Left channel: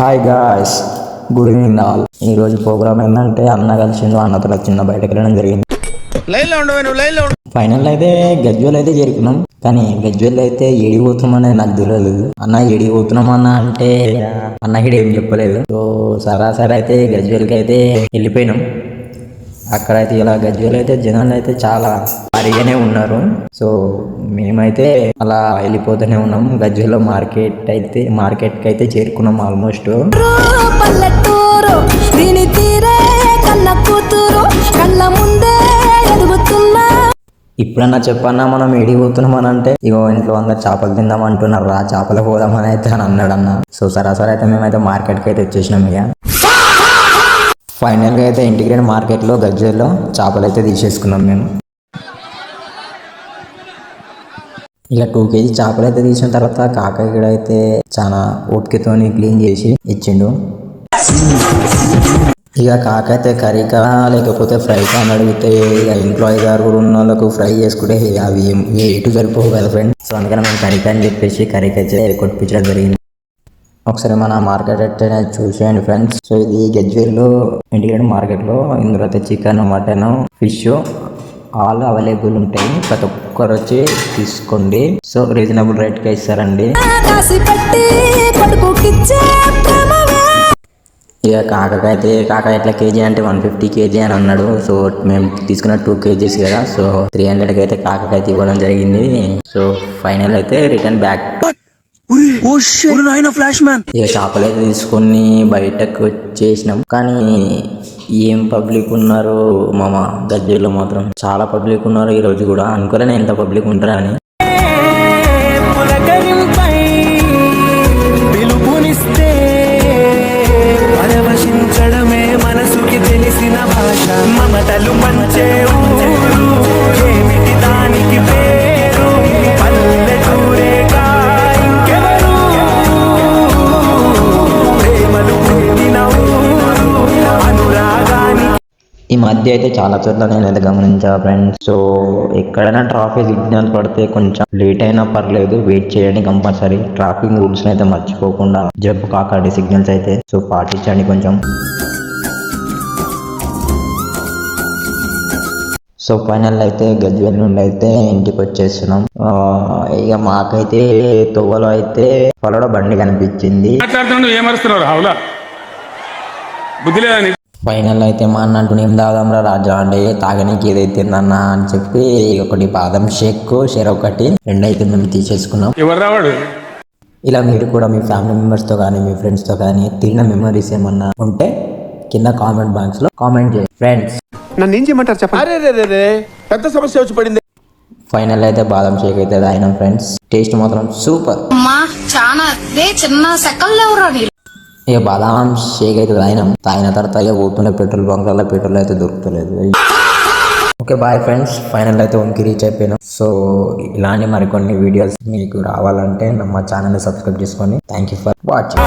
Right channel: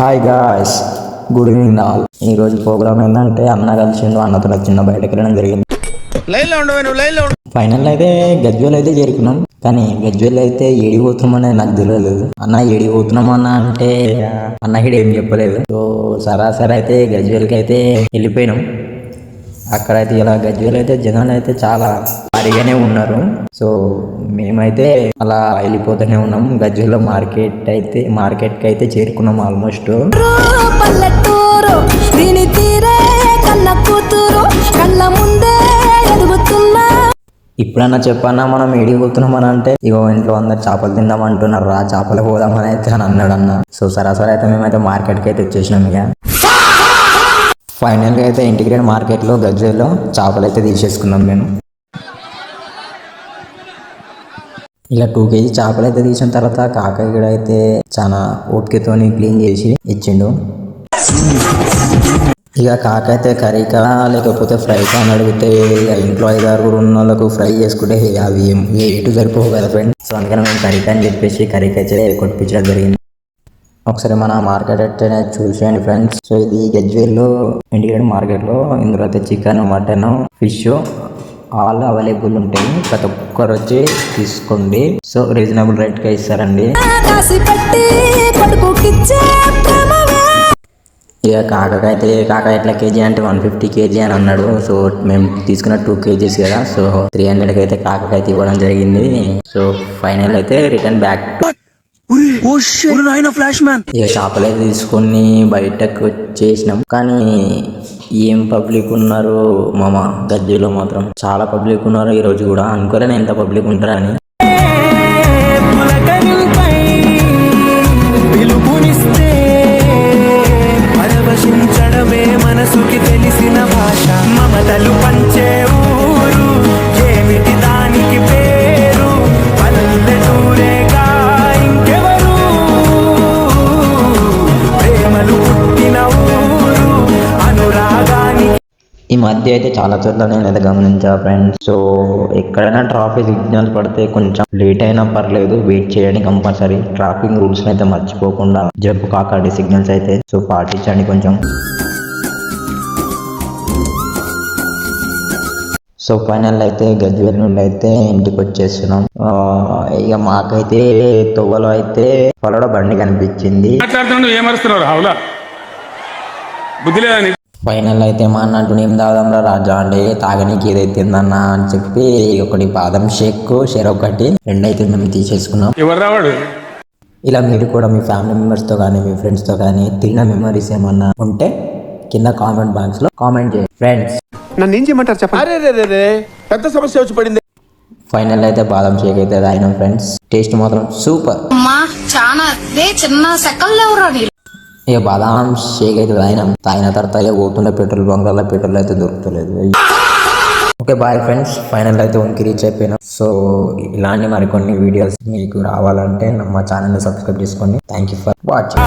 Hi guys, good evening all. ఈ రోజు programme ఏంటంటే అన్న కలిసి అన్నతో చిన్న బయటకు వెళ్ళడం జరిగింది. ఫైనల్ అయితే గజ్వేల్ అయితే చేరుకున్నాం. కానీ గజ్వేల్ అయితే ఏడిపోతున్నామని నాకు తెలియదు. అన్న ఏడిపోతున్నామన్నా అంటే అన్న హిడ ఏం చెప్పలేదు. సో సరాసరి అయితే గజ్వేల్కి అయితే వెళ్ళిపోయినాం. అక్కడైతే ఇలా గజ్వేల్ అయితే జనాలు అయితే చాలా భారీగానే ఉన్నారు. సో మేమైతే అలా వెళ్ళిపోతూనే ఉన్నాం. గజ్వేల్లో మార్కెట్కి అయితే చేరుకున్నాం ఆల్మోస్ట్. ఇప్పుడన్నా చెప్పన్నా మనం ఏడిపోతున్నాం అని అంటే ఇగో ఇంట్లో అందరు చేపలు తిందాం అంటున్నారు. రా చేపలు పోదామని అయితే అని అన్నాడు అన్న. సో సరాసరి అయితే మేమైతే మార్కెట్కి అయితే వచ్చేసినాం. ఇక ఫైనల్గా అయితే ఇంటిగ్రేట్ మార్కెట్లో గజ్వేల్లో చేపలు అయితే తీసేసుకున్నాం మేము. ఇక 2 kg చేపలు అయితే తీసిన తర్వాత కాకాయ కూడా అయితే చాలా ఓపికతో క్లీన్ చేసి ఇచ్చిండు. ఇక కాకైతే కర్రీకా లేకపోతే ఫ్రైకా అని అడిగితే ఇంట్లో 5-6 ఉన్న వాళ్ళకు ఫ్రై చేసుకుంటే అవి ఎటు సరిపోవు కదా ఫ్రెండ్. సో అందుకని మేము కర్రీకా అని చెప్పేసి కర్రీకి అయితే కొట్టించడం జరిగింది. ఒకసారి మన మార్కెట్ అయితే చూసేయండి ఫ్రెండ్స్. సో ఇది గజ్వేల్లో ఇండియన్ మార్కెట్లో ఇందులో అయితే chicken, mutton, fish all available ఉంటాయి. ప్రతి ఒక్కరు వచ్చి తీసుకోండి. సో రీజనబుల్ రేట్గా ఇస్తారండి. ఇక కాకాయ ఎట్లా కేజీ అంటే 150 kg అని అన్నాడు. సో మేము తీసుకున్న 2 kgs కదా. సో 300కి అయితే కాకాయ ఇవ్వడం జరిగింది. సో ఫైనల్ అయితే రిటర్న్ బ్యాక్. ఇక చేపలు అయితే తీసుకొని బయటకు వచ్చేసినాం. కానీ ఏం పబ్లిక్ ఉన్నారు మామ, గజ్వేల్లో మాత్రం చాలా పబ్లిక్ ఉన్నారు. ఈ రోజు కూడా అనుకోలేను ఎంత పబ్లిక్ ఉంటారు అని. పరవశించడమే మనసుకి తెలిసిన భాష, మమతలు పంచే ఊరు ఏమిటి దానికి పేరు, పల్లెటూరేగా ఇంకెవరు, ప్రేమలు పుట్టిన ఊరు అనురాగానికి. ఈ మధ్య అయితే చాలా చోట్ల నేను అయితే గమనించా ఫ్రెండ్స్. సో ఎక్కడైనా ట్రాఫిక్ సిగ్నల్స్ పడితే కొంచెం లేట్ అయినా పర్లేదు, వెయిట్ చేయండి కంపల్సరీ. ట్రాఫిక్ రూల్స్ అయితే మర్చిపోకుండా జంప్ కాకండి సిగ్నల్స్ అయితే. సో పాటించండి కొంచెం. సో ఫైనల్ అయితే గజ్వేల్ నుండి అయితే ఇంటికి వచ్చేస్తున్నాం. ఇక మాకైతే తోవలో అయితే పొలడ బండి కనిపించింది. ఫైనల్ అయితే మా అన్న అంటూ ఏం తాగంరా రాజా అంటే తాగనీకి ఏదైతే తిందన్న అని చెప్పి ఒకటి బాదం షేక్ ఒకటి 2 అయితే మేము తీసేసుకున్నాం. ఇలా మీరు కూడా మీ ఫ్యామిలీ మెంబర్స్తో కానీ మీ ఫ్రెండ్స్తో కానీ తిన్న మెమరీస్ ఏమన్నా ఉంటే కింద కామెంట్ బాక్స్ లో కామెంట్ చేయండి ఫ్రెండ్స్. నన్ను ఏం చేయమంటారు చెప్పండి. పెద్ద సమస్య వచ్చి పడింది. ఫైనల్ అయితే బాదం షేక్ అయితే తాగినాం ఫ్రెండ్స్. టేస్ట్ మాత్రం సూపర్. ఇక బాదాం షేక్ అయితే తాగిన తర్వాత ఇక ఓటోలో పెట్రోల్ బంక్లలో పెట్రోల్ అయితే దొరుకుతలేదు. ఓకే బాయ్ ఫ్రెండ్స్, ఫైనల్ అయితే 1కి రీచ్ అయిపోయినాం. సో ఇలాంటి మరికొన్ని వీడియోస్ మీకు రావాలంటే మా ఛానల్ని సబ్స్క్రైబ్ చేసుకోండి. Thank you for watching.